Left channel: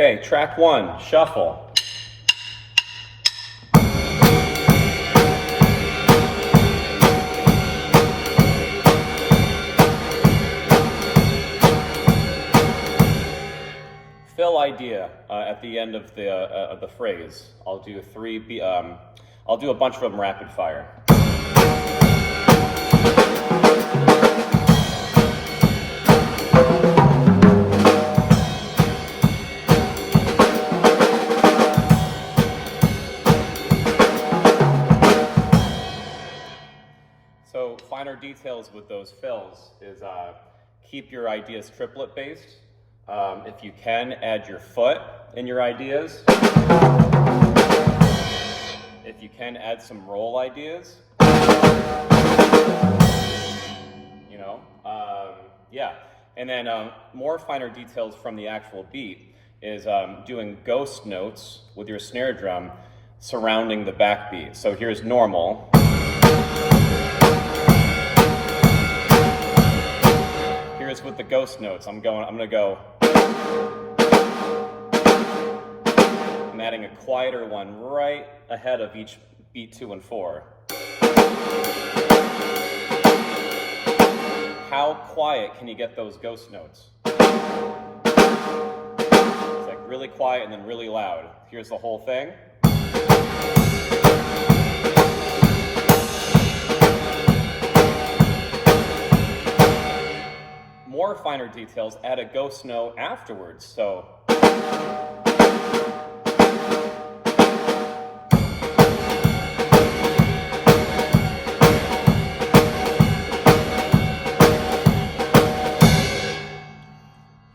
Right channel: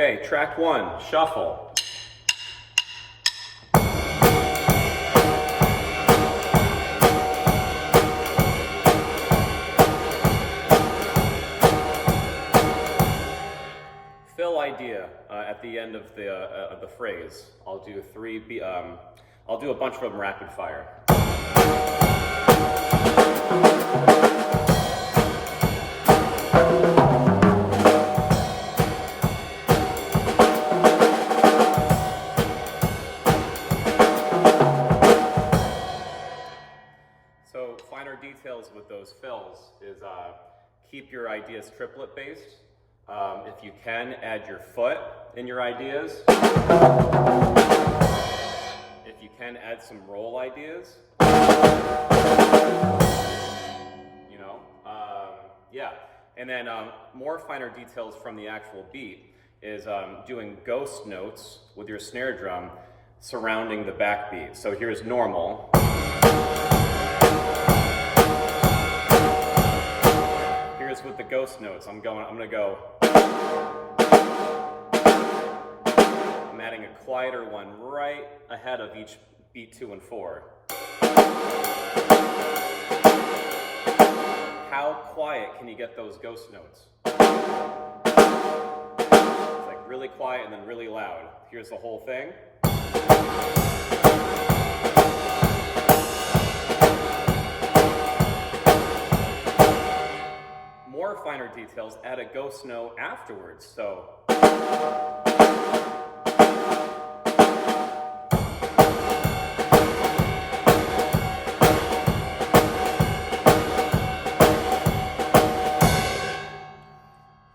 Okay, track 1, shuffle. Fill idea at the end of the phrase. I'll do I'll do a bunch of them rapid fire. So finer details with those fills is keep your ideas triplet based. If you can, add your foot in your ideas. If you can, add some roll ideas. You know, yeah. And then more finer details from the actual beat is doing ghost notes with your snare drum surrounding the backbeat. So here's normal. Here's with the ghost notes. I'm gonna go. I'm adding a quieter one right ahead of each beat 2 and 4. How quiet can you get those ghost notes? It's like really quiet and then really loud. Here's the whole thing. More finer details, add a ghost note afterwards. So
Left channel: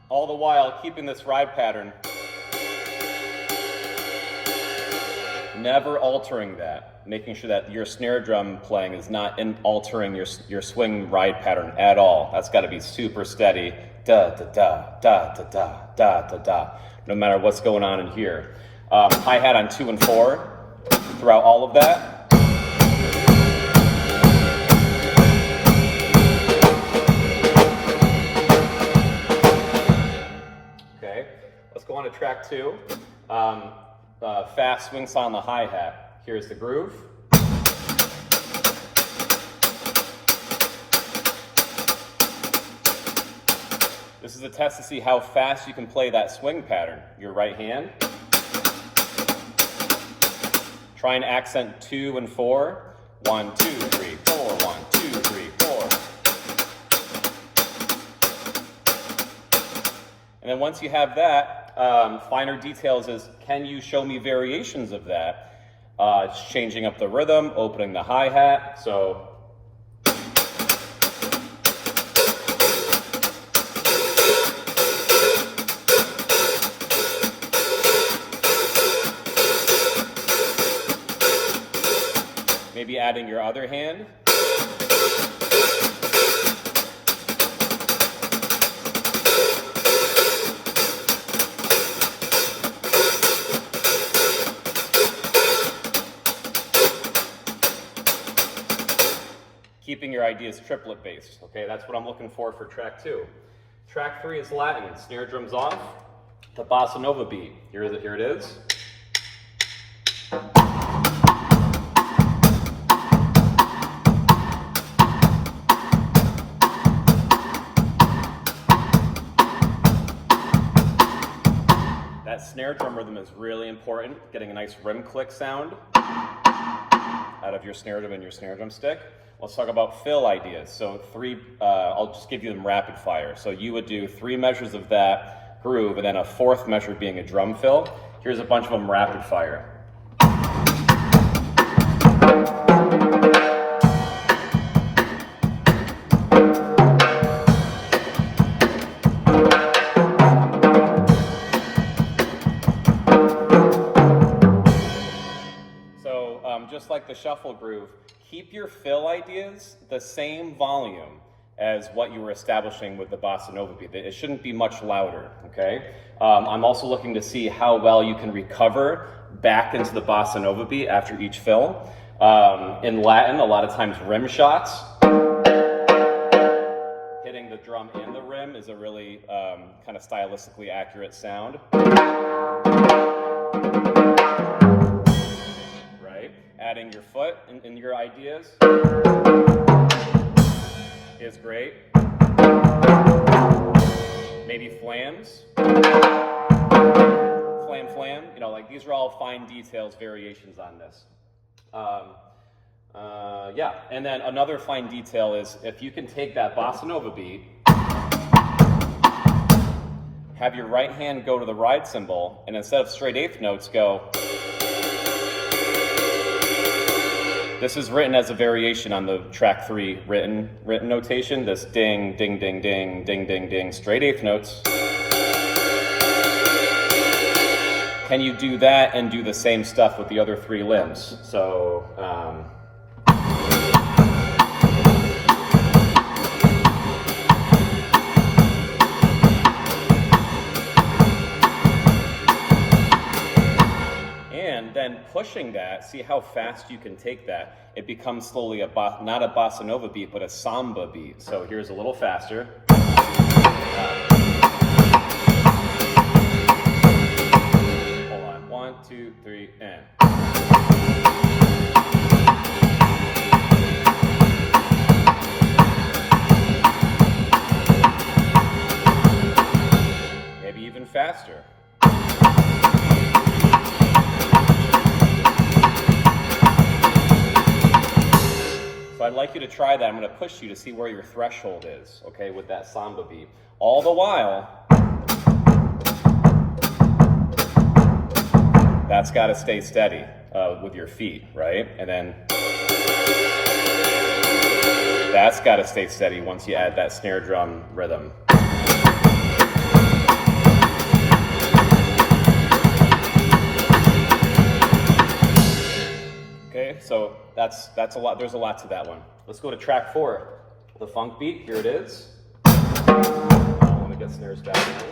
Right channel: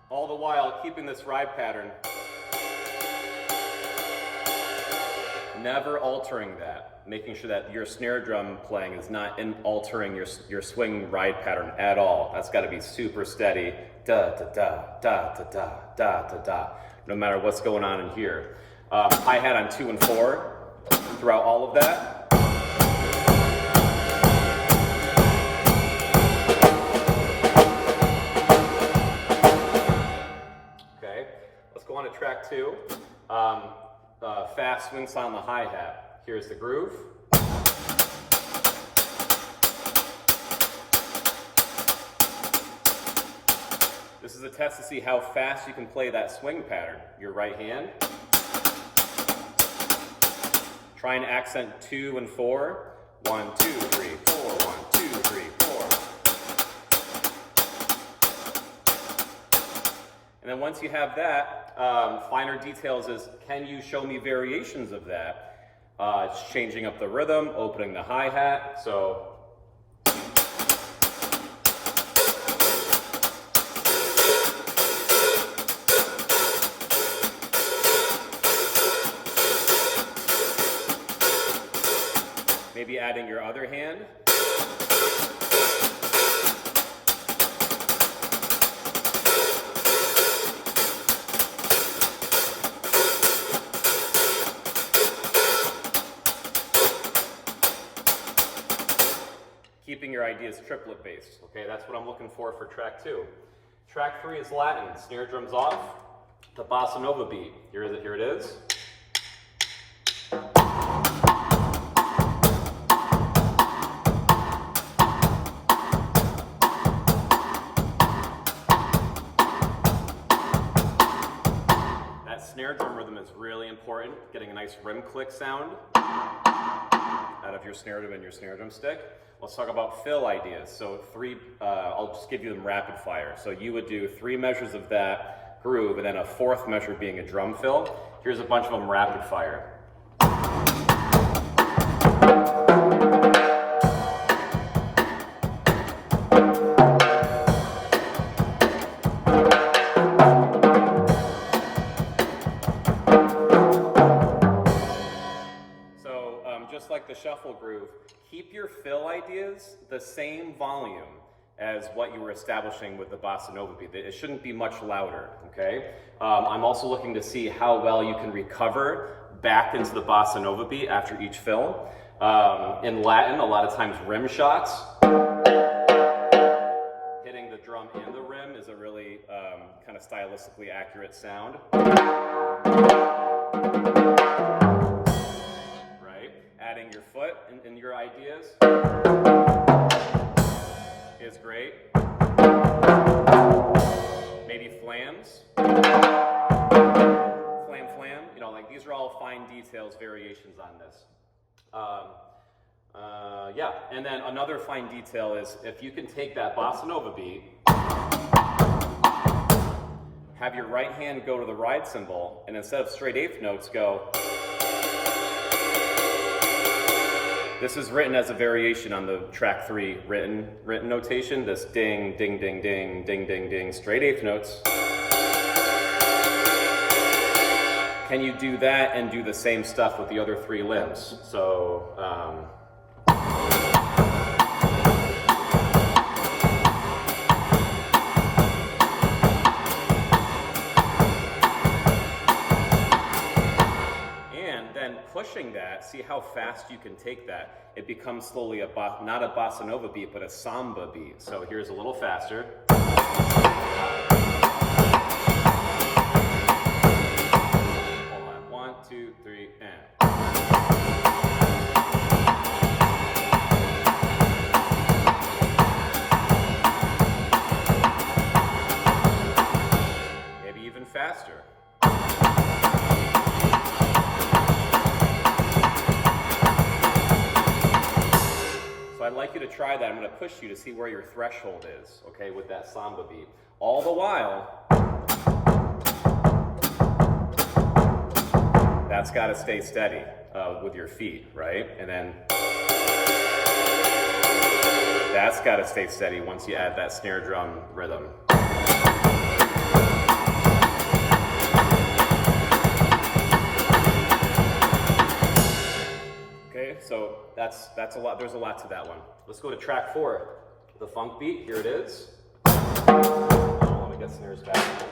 all the while keeping this ride pattern, never altering that, making sure that your snare drum playing is not altering your swing ride pattern at all. That's got to be super steady, da da da da da da da da da, no matter what's going on in here. Hi-hat on 2 and 4 throughout all of that. Okay, let's go on to track 2. Fast swing saw on the hi-hat. Here's the groove. This is a test to see how fast you can play that swing pattern. Your right hand. Try and accent 2 and 4. 1, 2, 3, 4. 1, 2, 3, 4. And then once you have that, finer details is, can you show me variations of that? Changing up the rhythm, opening the hi-hat. So maybe adding your other hand. Keeping your ideas triplet based. Okay, that's what I'm looking for track 2. Track 3 is Latin. Snare drums off. The bossa nova beat. Here it is. That snare drum rhythm is really important. Getting a nice rim click sound out of your snare drum and your snare drum stick. Let's talk about fill ideas. So I'll just give you them rapid fire. So you would do 3 measures of that groove and then a 4th measure being a drum fill. Here's a bunch of them rapid fire. Just like the shuffle groove, keep your fill ideas the same volume as what you were establishing with the bossa nova beat. It shouldn't be much louder, okay? I'm also looking to see how well you can recover back into the bossa nova beat after each fill. In Latin, a lot of times rim shots, hitting the drum and the rim is a really kind of stylistically accurate sound. Right? Adding your foot in your ideas is great. Maybe flams. Flam. You know, like these are all fine details, variations on this. Yeah, and then another fine detail is if you can take that bossa nova beat, have your right hand go to the ride cymbal, and instead of straight eighth notes, go. This is written as a variation on the track 3 written notation. This ding, ding, ding, ding, ding, ding, ding, straight eighth notes. Can you do that and do the same stuff with the other 3 limbs? So, and then pushing that, see how fast you can take that. It becomes slowly not a bossa nova beat, but a samba beat. So here's a little faster. Hold on, 1, 2, 3, and. Maybe even faster. So I'd like you to try that. I'm going to push you to see where your threshold is, okay, with that samba beat. All the while, that's got to stay steady with your feet, right? And then that's got to stay steady once you add that snare drum rhythm. Okay, so that's a lot. There's a lot to that one. Let's go to track 4, the funk beat. Here it is. I want to get snares back in.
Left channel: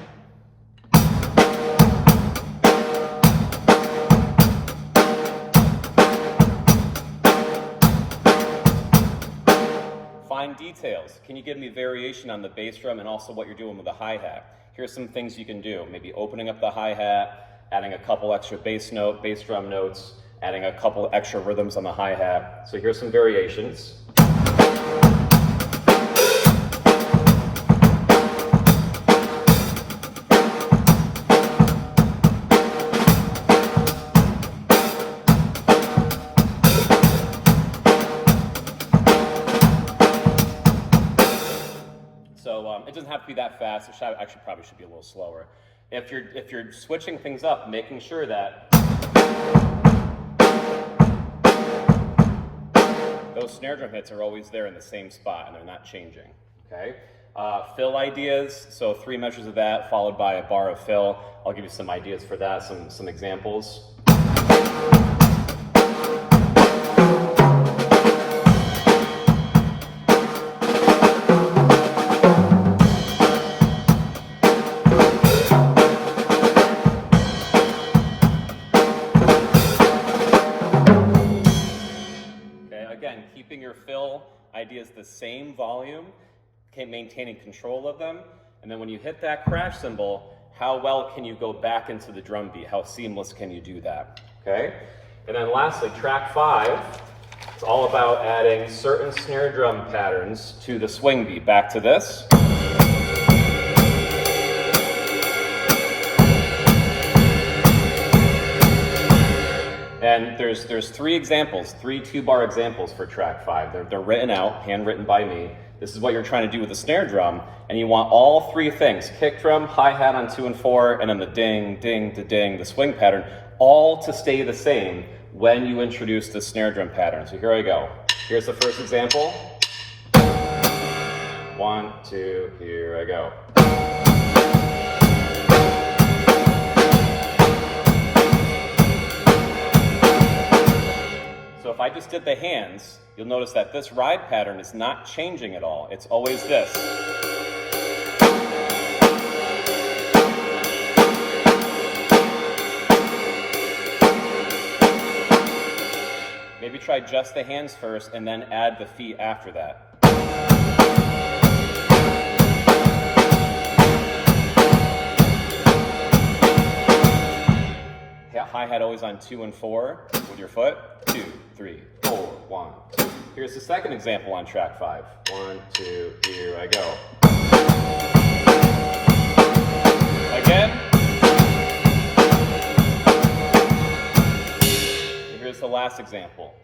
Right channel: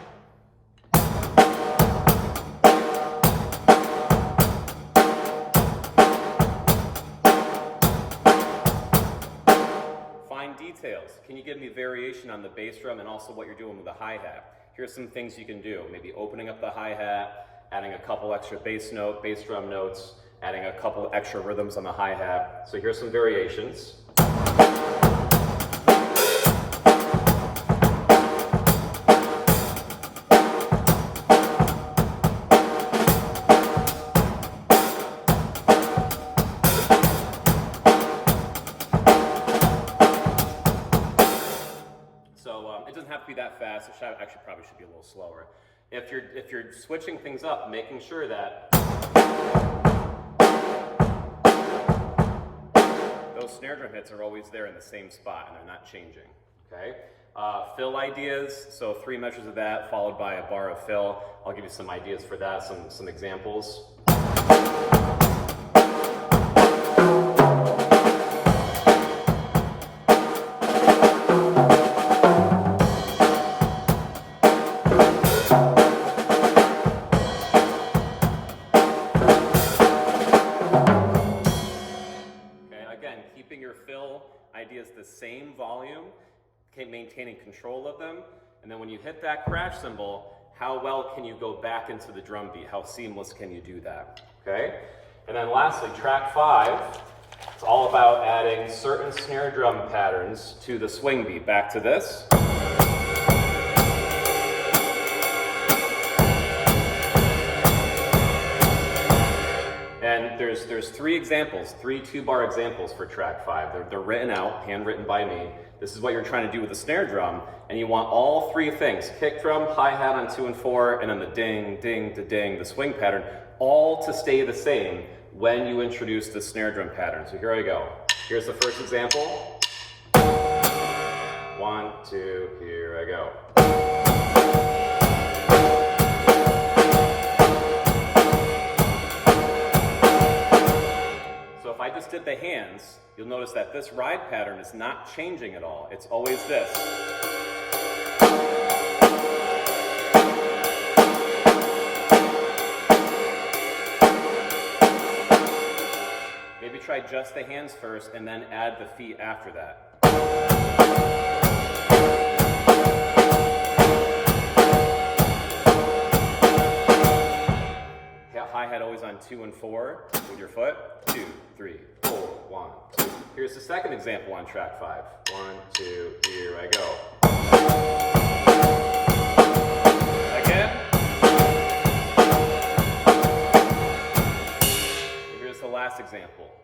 Fine details. Can you give me variation on the bass drum and also what you're doing with the hi-hat? Here's some things you can do. Maybe opening up the hi-hat, adding a couple extra bass drum notes, adding a couple extra rhythms on the hi-hat. So here's some variations. So it doesn't have to be that fast. It actually probably should be a little slower. If you're switching things up, making sure that those snare drum hits are always there in the same spot and they're not changing, okay? Fill ideas, so 3 measures of that followed by a bar of fill. I'll give you some ideas for that, some examples. Keeping your fill ideas the same volume, maintaining control of them, and then when you hit that crash cymbal, how well can you go back into the drum beat? How seamless can you do that? Okay? And then lastly, track 5, it's all about adding certain snare drum patterns to the swing beat. Back to this. And there's 3 examples, 3 2-bar examples for track 5. They're written out, handwritten by me. This is what you're trying to do with the snare drum, and you want all 3 things, kick drum, hi-hat on 2 and 4, and then the ding, ding, the ding, the swing pattern, all to stay the same when you introduce the snare drum pattern. So here I go. Here's the first example. 1, 2, here I go. So if I just did the hands, you'll notice that this ride pattern is not changing at all. It's always this. Maybe try just the hands first and then add the feet after that. is on 2 and 4 with your foot. 2, 3, 4, 1, 2. Here's the second example on track 5. 1, 2, here I go. Again. And here's the last example.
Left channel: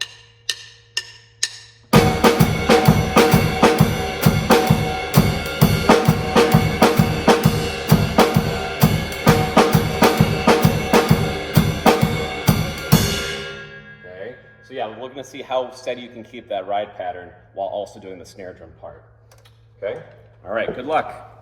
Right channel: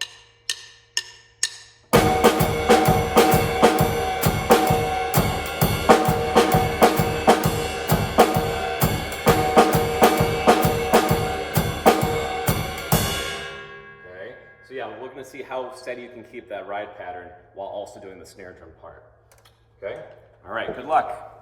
So yeah, we're going to see how steady you can keep that ride pattern while also doing the snare drum part. Okay? All right, good luck.